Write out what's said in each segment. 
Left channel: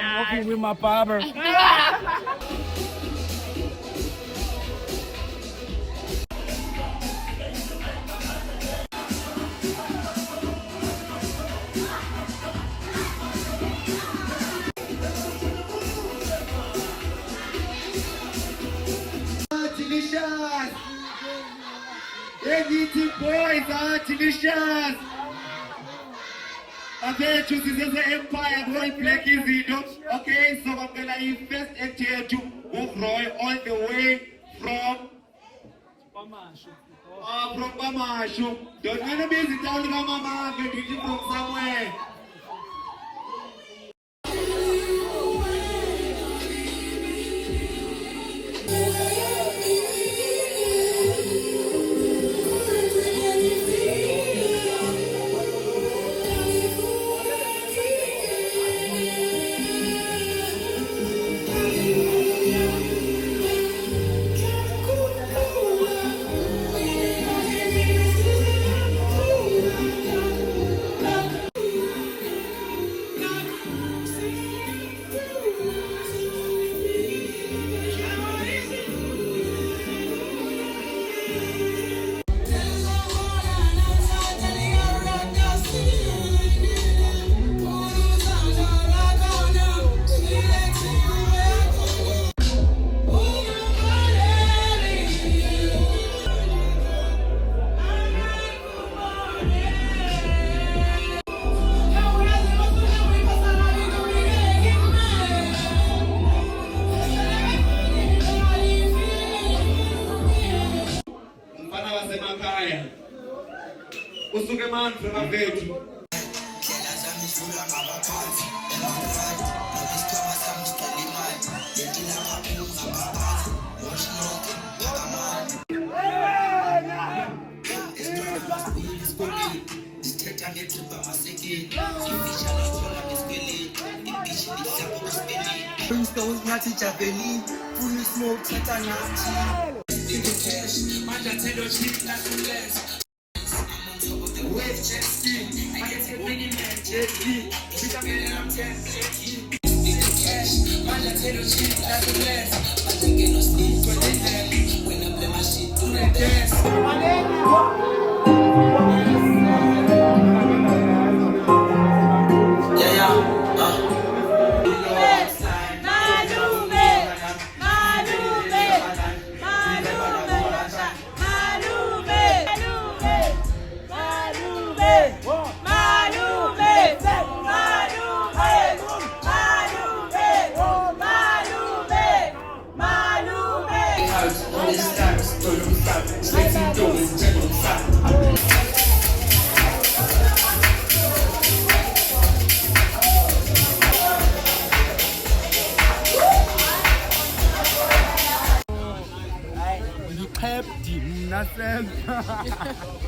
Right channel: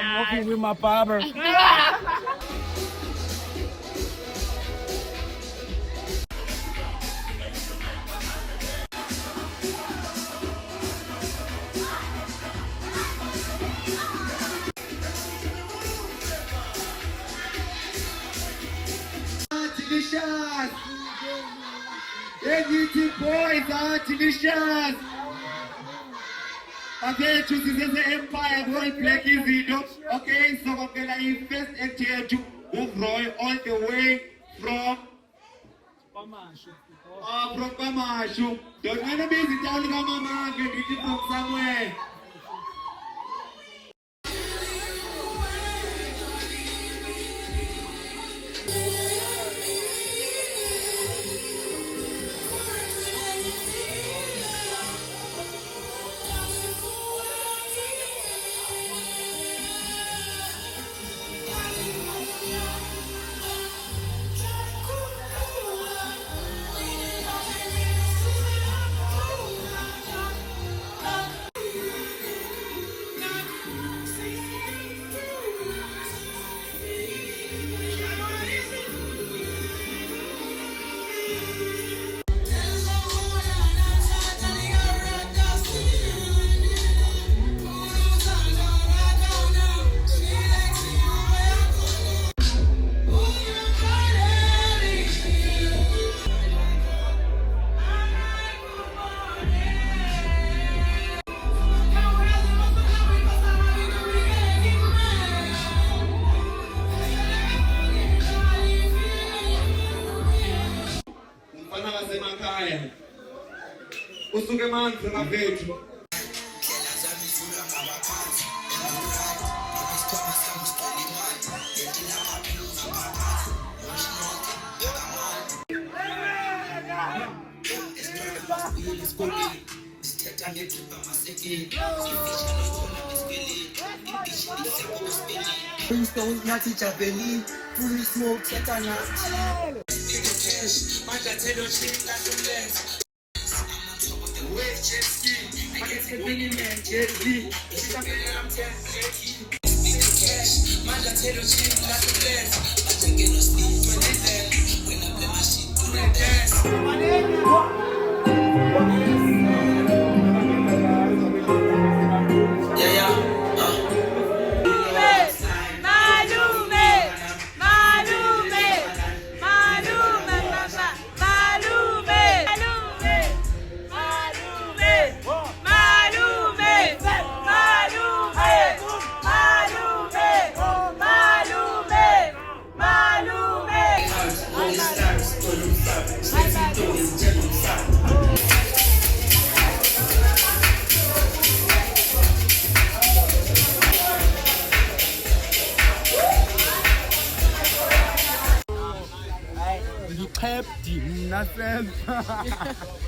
I'm walking with my barber. Delicious! Anything boys are delicious! Okay, choose the Empire Boy Black Izido. Okay, so I'm gonna invest into to move Roy all the way from Bamashu. Don't wanna be the town of Mama, but you can go somewhere. Usuke manzi ngaphethu. Don't have to jump in, full smoke, check on us. myself.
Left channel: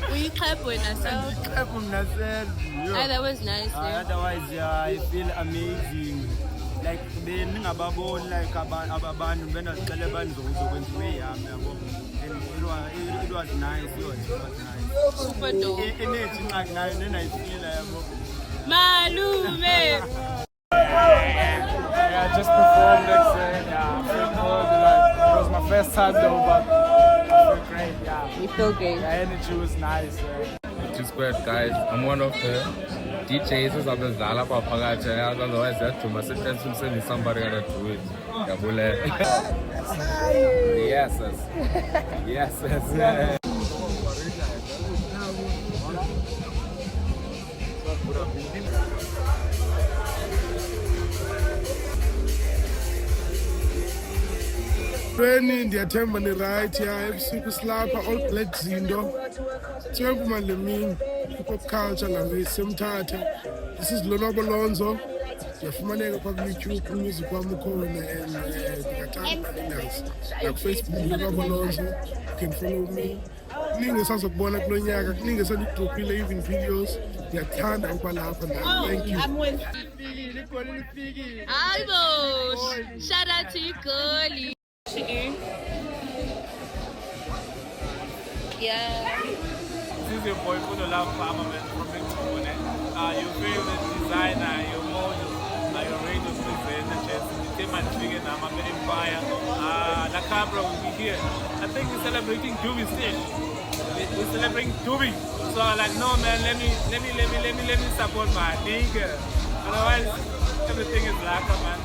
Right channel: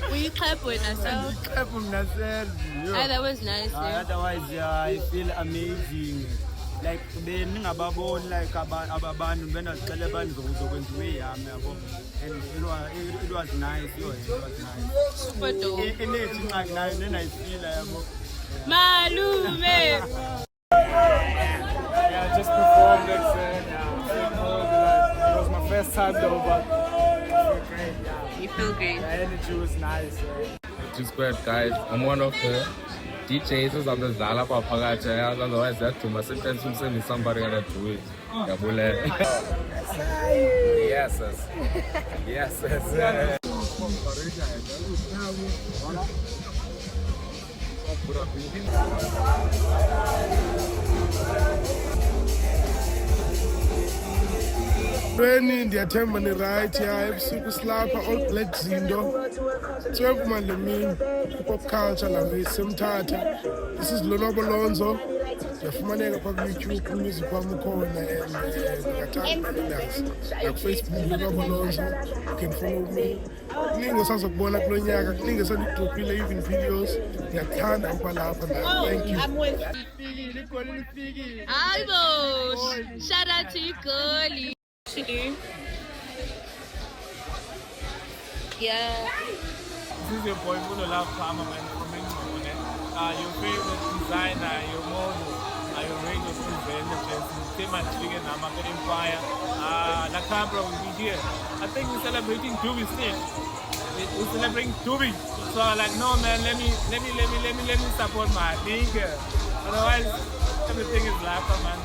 Will you clap with yourself? Clap for myself. Ah, that was nice. Yeah. Otherwise, I feel amazing. Like then ngababona like abantu benazicela banizokwenziwe yami yabo, and it was nice. It was nice. Super dope. Energy ngaki nayo nenayifila yabo. Malume. Yeah, I just performed it. It was my first time though, but I feel great. Yeah, You feel great. the energy was nice. Which is great, guys. I'm one of the DJs who's on the Zala Papagacha. Otherwise, that to my sister, somebody gotta do it. Yabule. Yes. Yes. Ndiyathemba ni right ya ebusuku silapha All Black Zindo 12 Malemini Hip-Hop Culture langesemthatha. This is Lonwabo Lonzo. Ndiyafumaneka kwa YouTube music wami ukhona and ndingathanda nindazi Facebook Lonwabo Lonzo. You can follow me. Kuningi esazokubona kulo nyaka, kuningi esandidrophile even videos. Ndiyathanda ukuba lapha nawe. Thank you. Almost. Shout out to you, girlie. Yeah. This is your boy Fulo Love Farmer, man, from England. Your favorite designer, your model, your radio presenter, Tim and Figure, Namaga Empire, La Cabra will be here. I think we're celebrating Doobie Stage. We're celebrating Doobie. So I'm like, no man, let me support my nigga. Otherwise, everything is lacquer, man.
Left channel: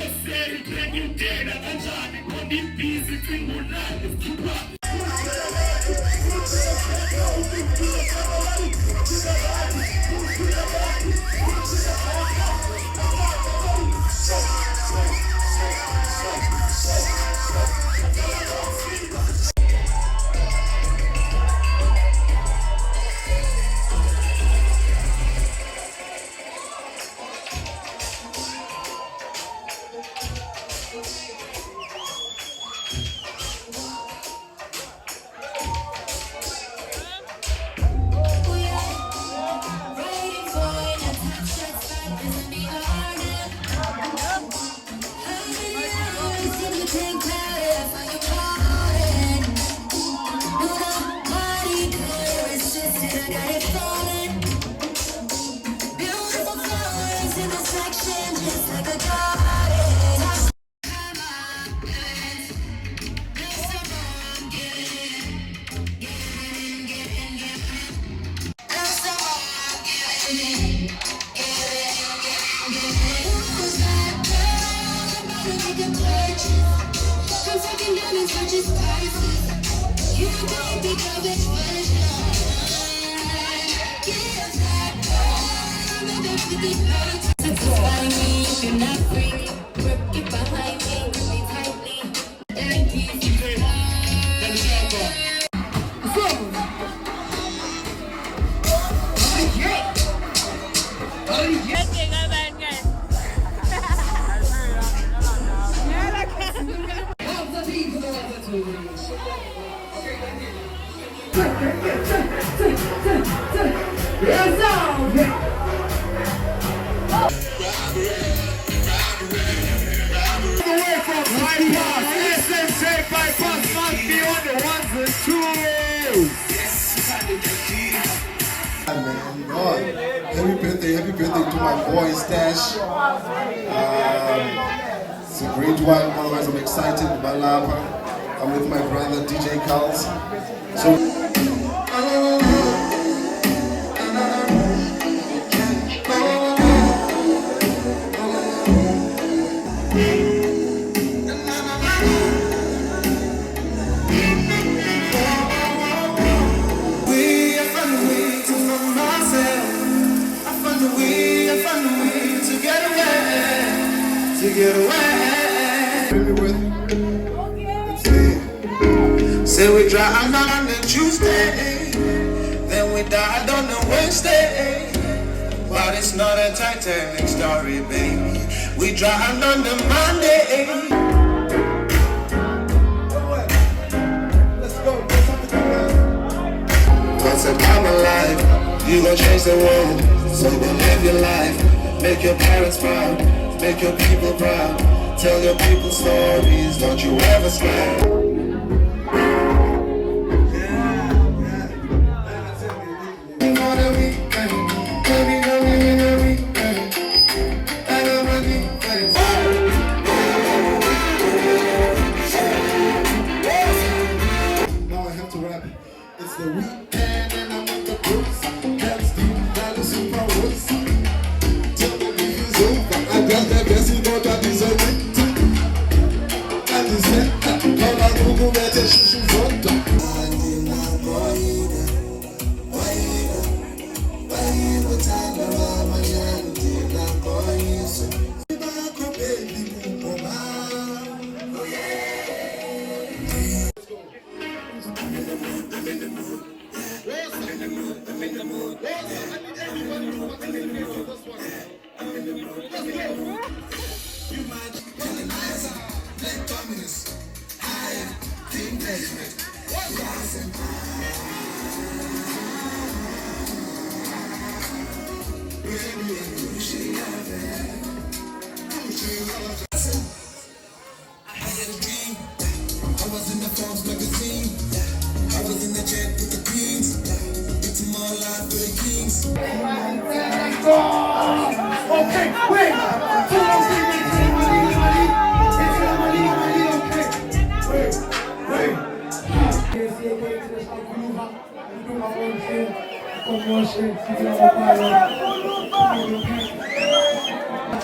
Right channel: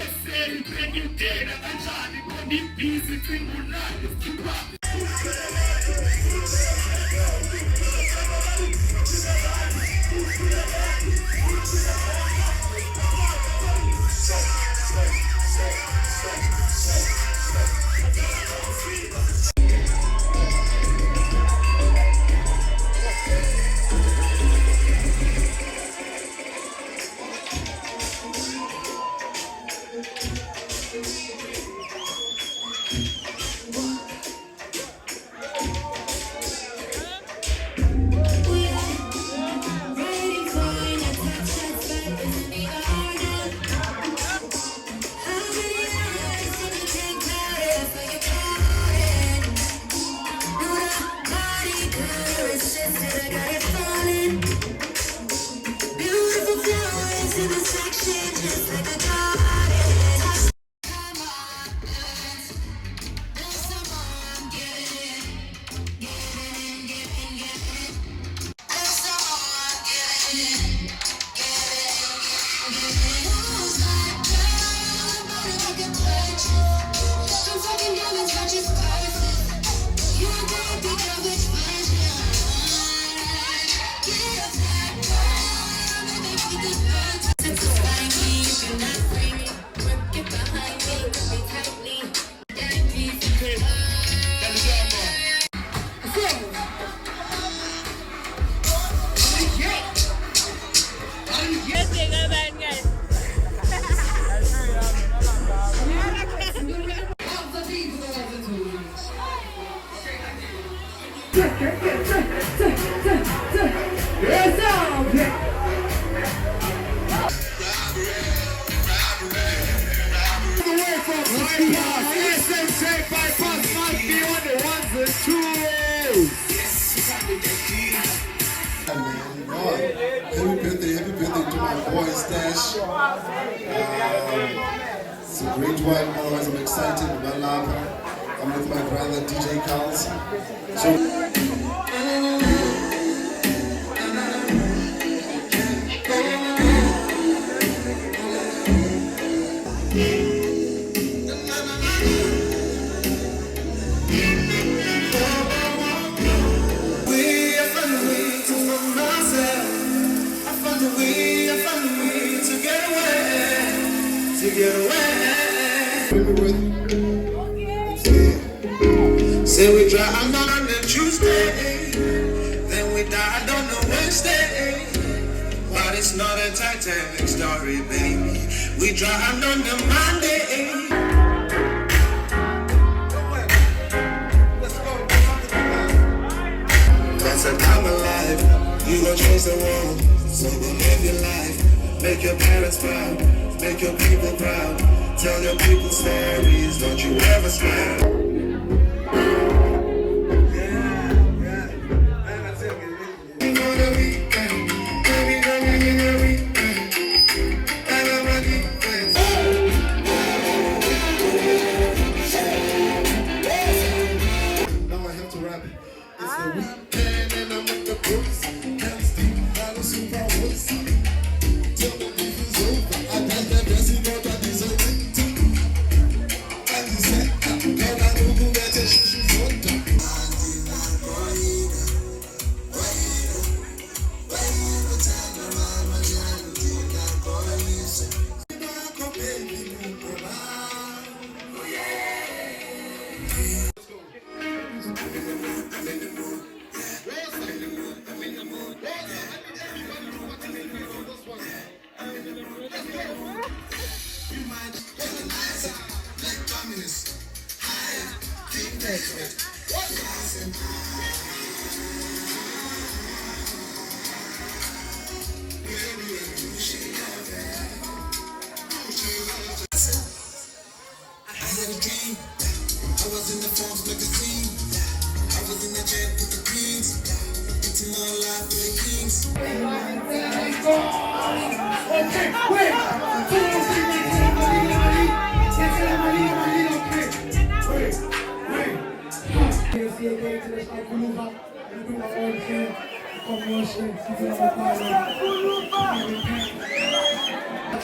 Happy birthday to my boy Stash. It's a great one, otherwise I'm excited about Lapa. I'm with my brother DJ Carls. So say we drive on the Tuesday, then we died on the Wednesday. But it's not a Titanic story, baby. We drive on the Monday. wants a diamond life. You gon' change the world, so then live your life. Make your parents proud, make your people proud. Tell your people stories, don't you ever stop.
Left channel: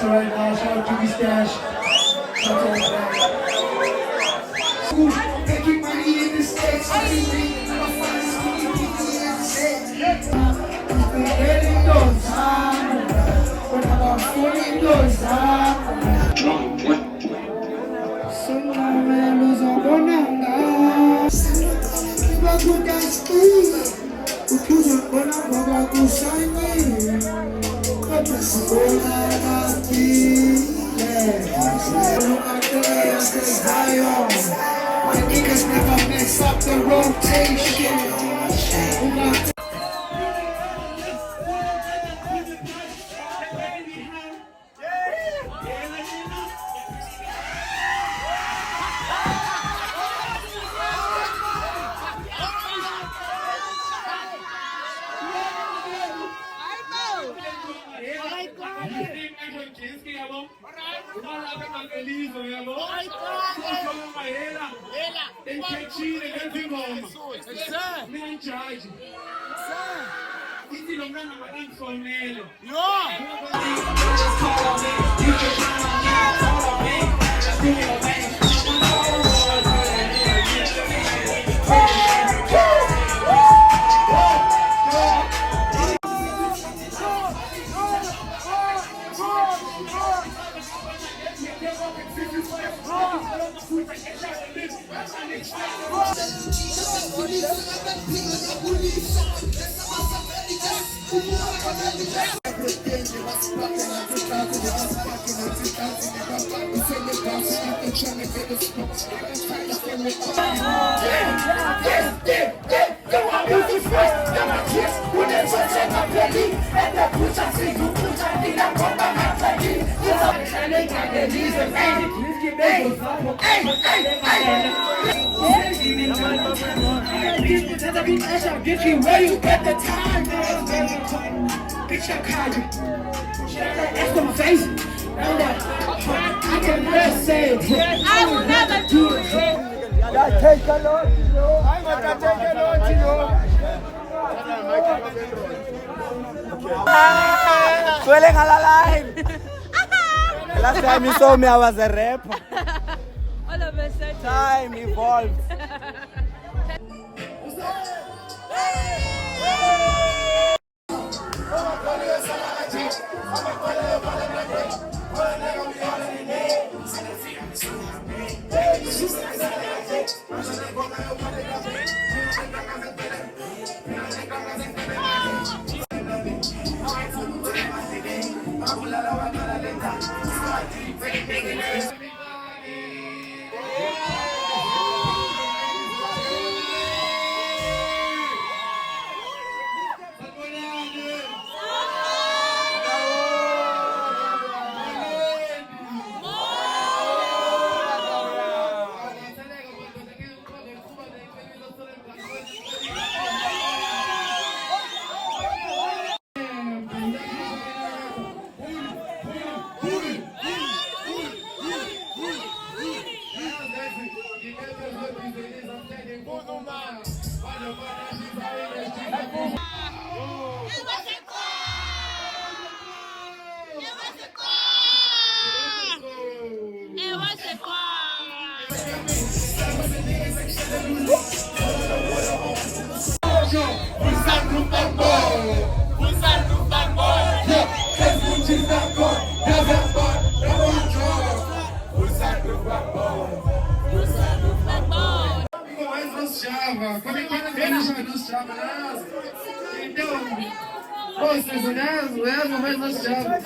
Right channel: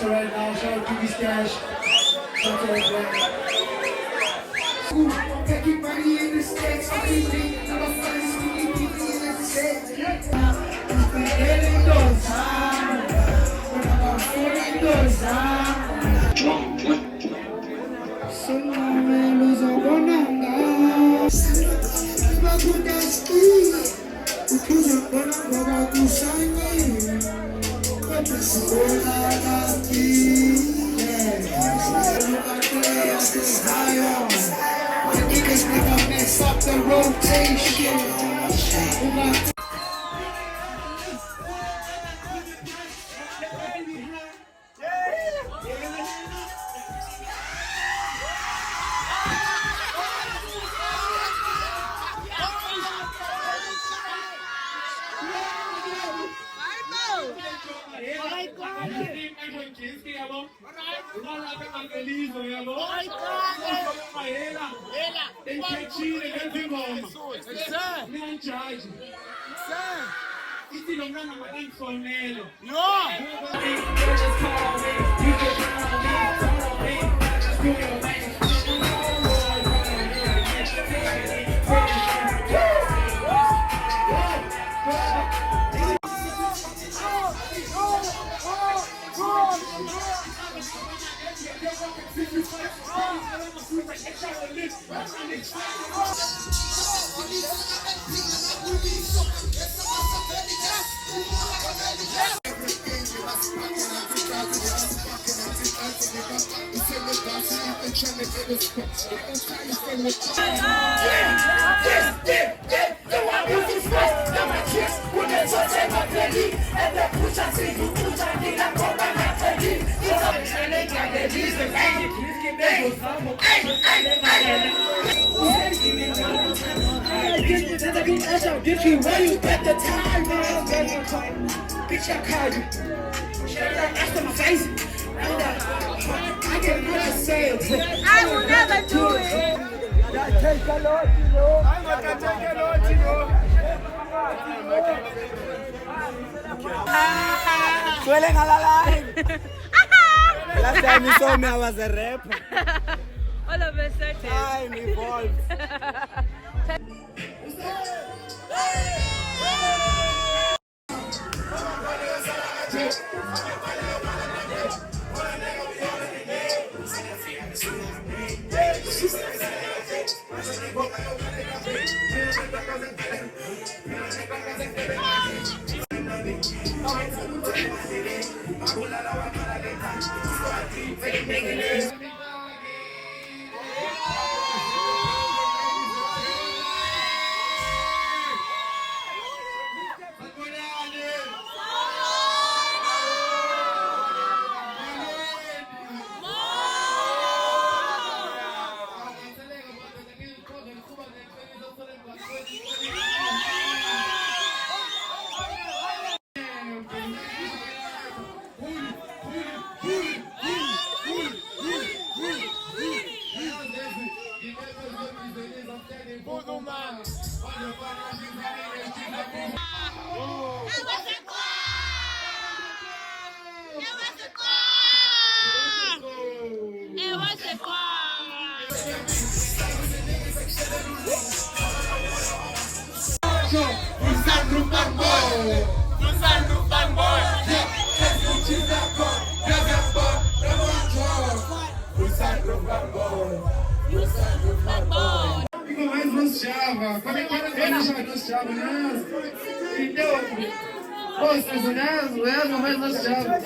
Right now, shout out to the stash. Making money in the States, I keep it. I'm a funny skinny people in the States. When getting those down, when I'm falling those down. So now man, lose a bonanga. Bagu dance, ukuza bona baba kusanye. My niggas never mess up the rotation. Get you where you at the time, man. Bitch, I called you. That's on my face. I can never say it. I will never do it. Swelling alive. Last time you saw me, I was a rapper. All of a sudden. Time evolved. Fica mais nos chava. Quando nos chava, né? Então, vocês olham, mais nos chava.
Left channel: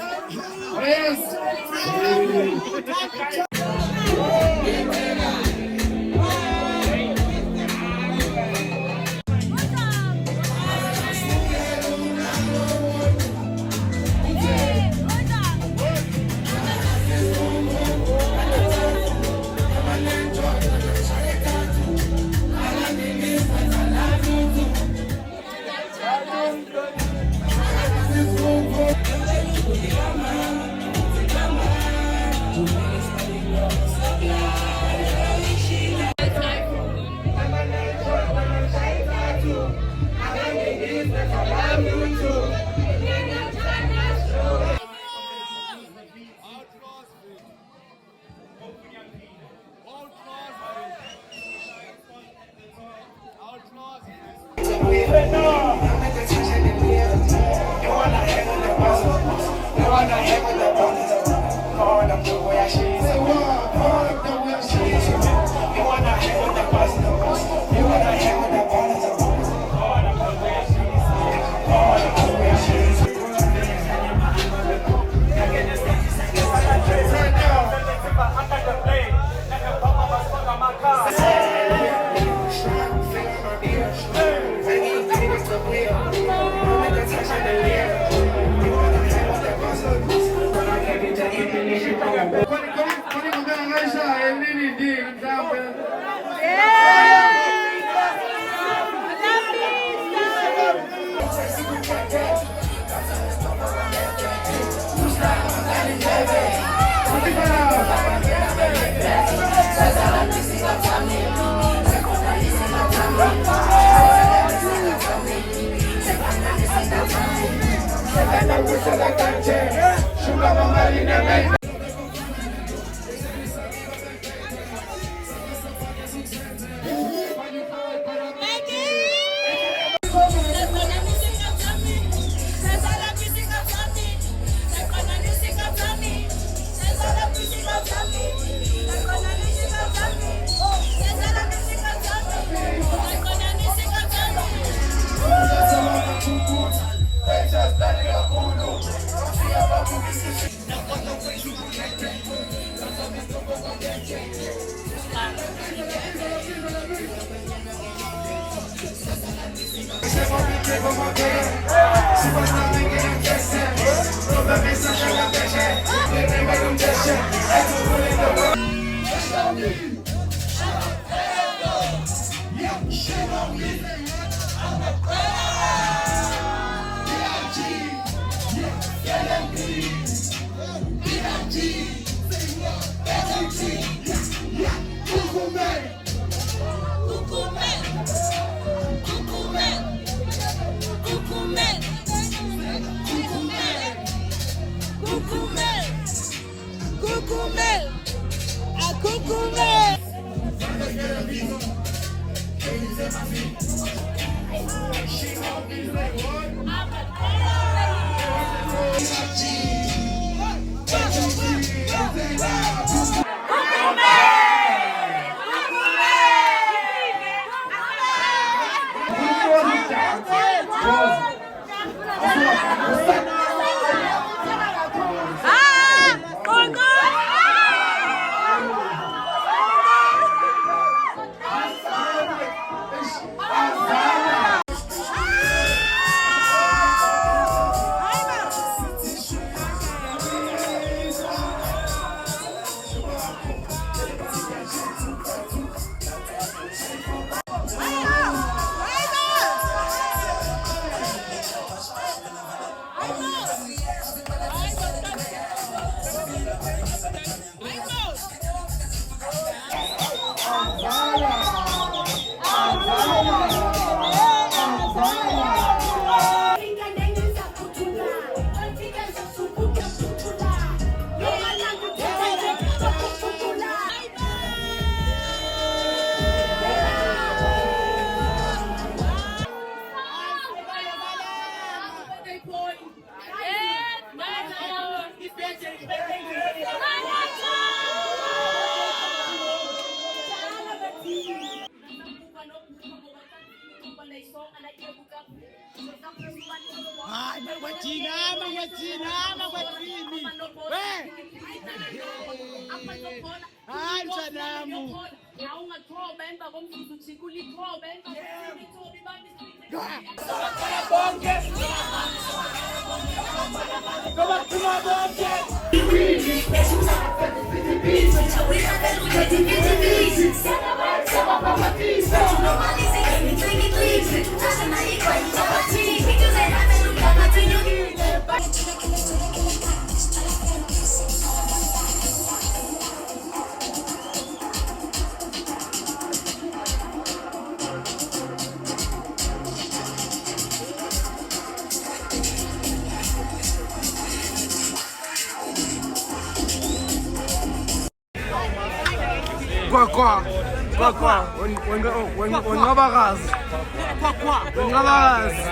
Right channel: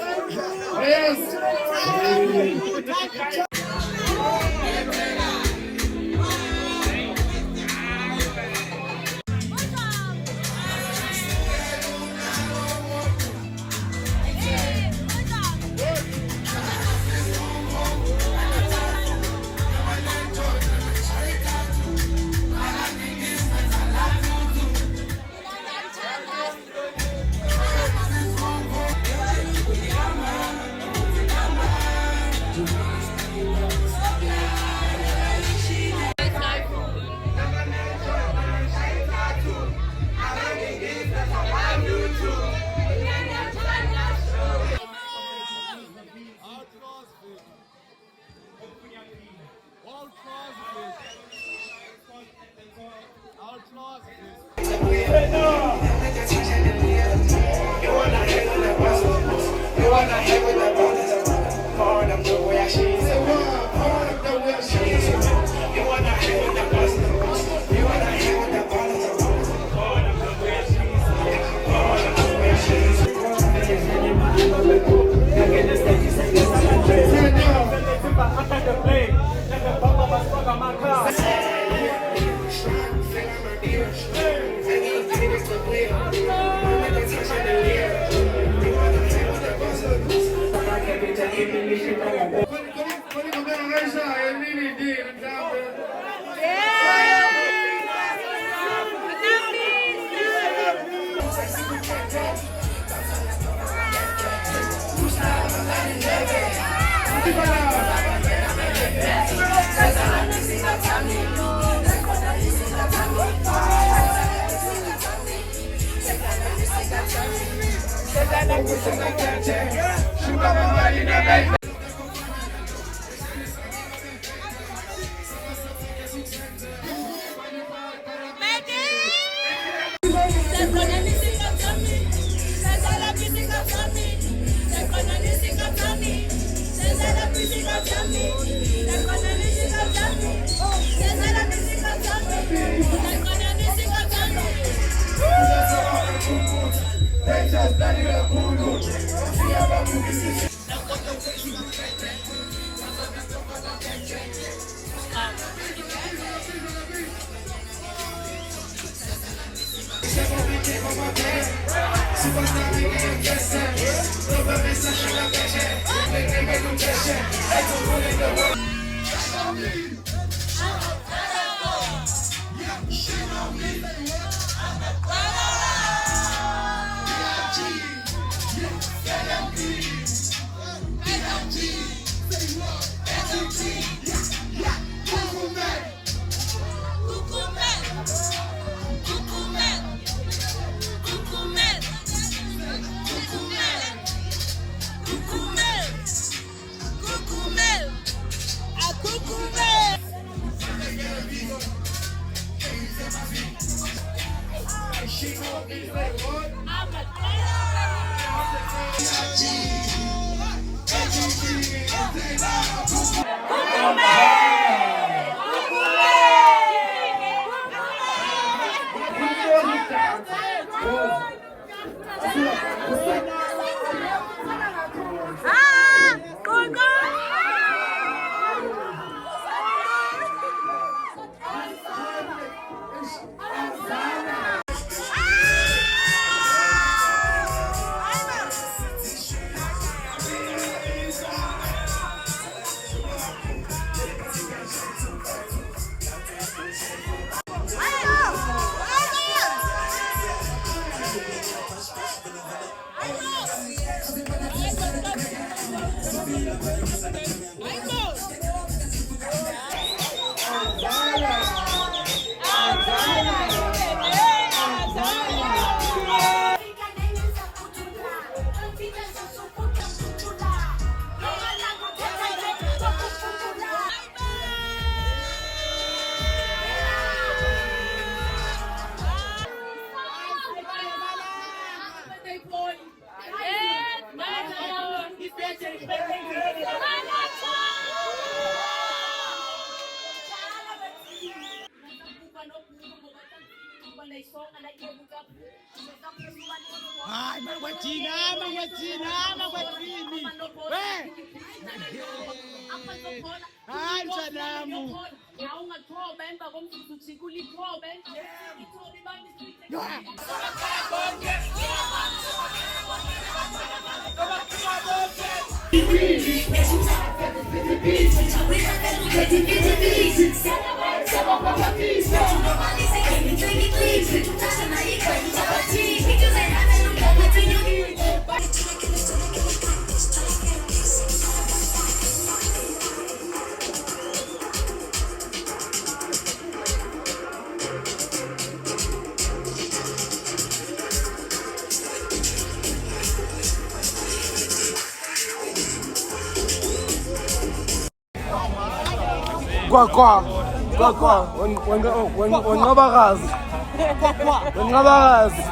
Wenqabakazi.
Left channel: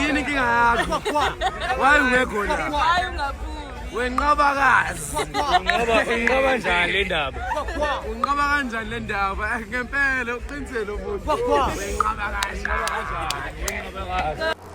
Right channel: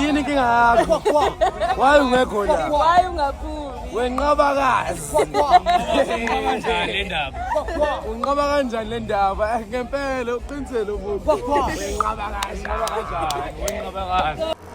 Yini inkinga yakho? Why ungekho la? Why ungaphumi? Wenqabakazi. Unqaba kanjani le ndaba? Ngempela uqinisele ukuthi wenqaba kanjani?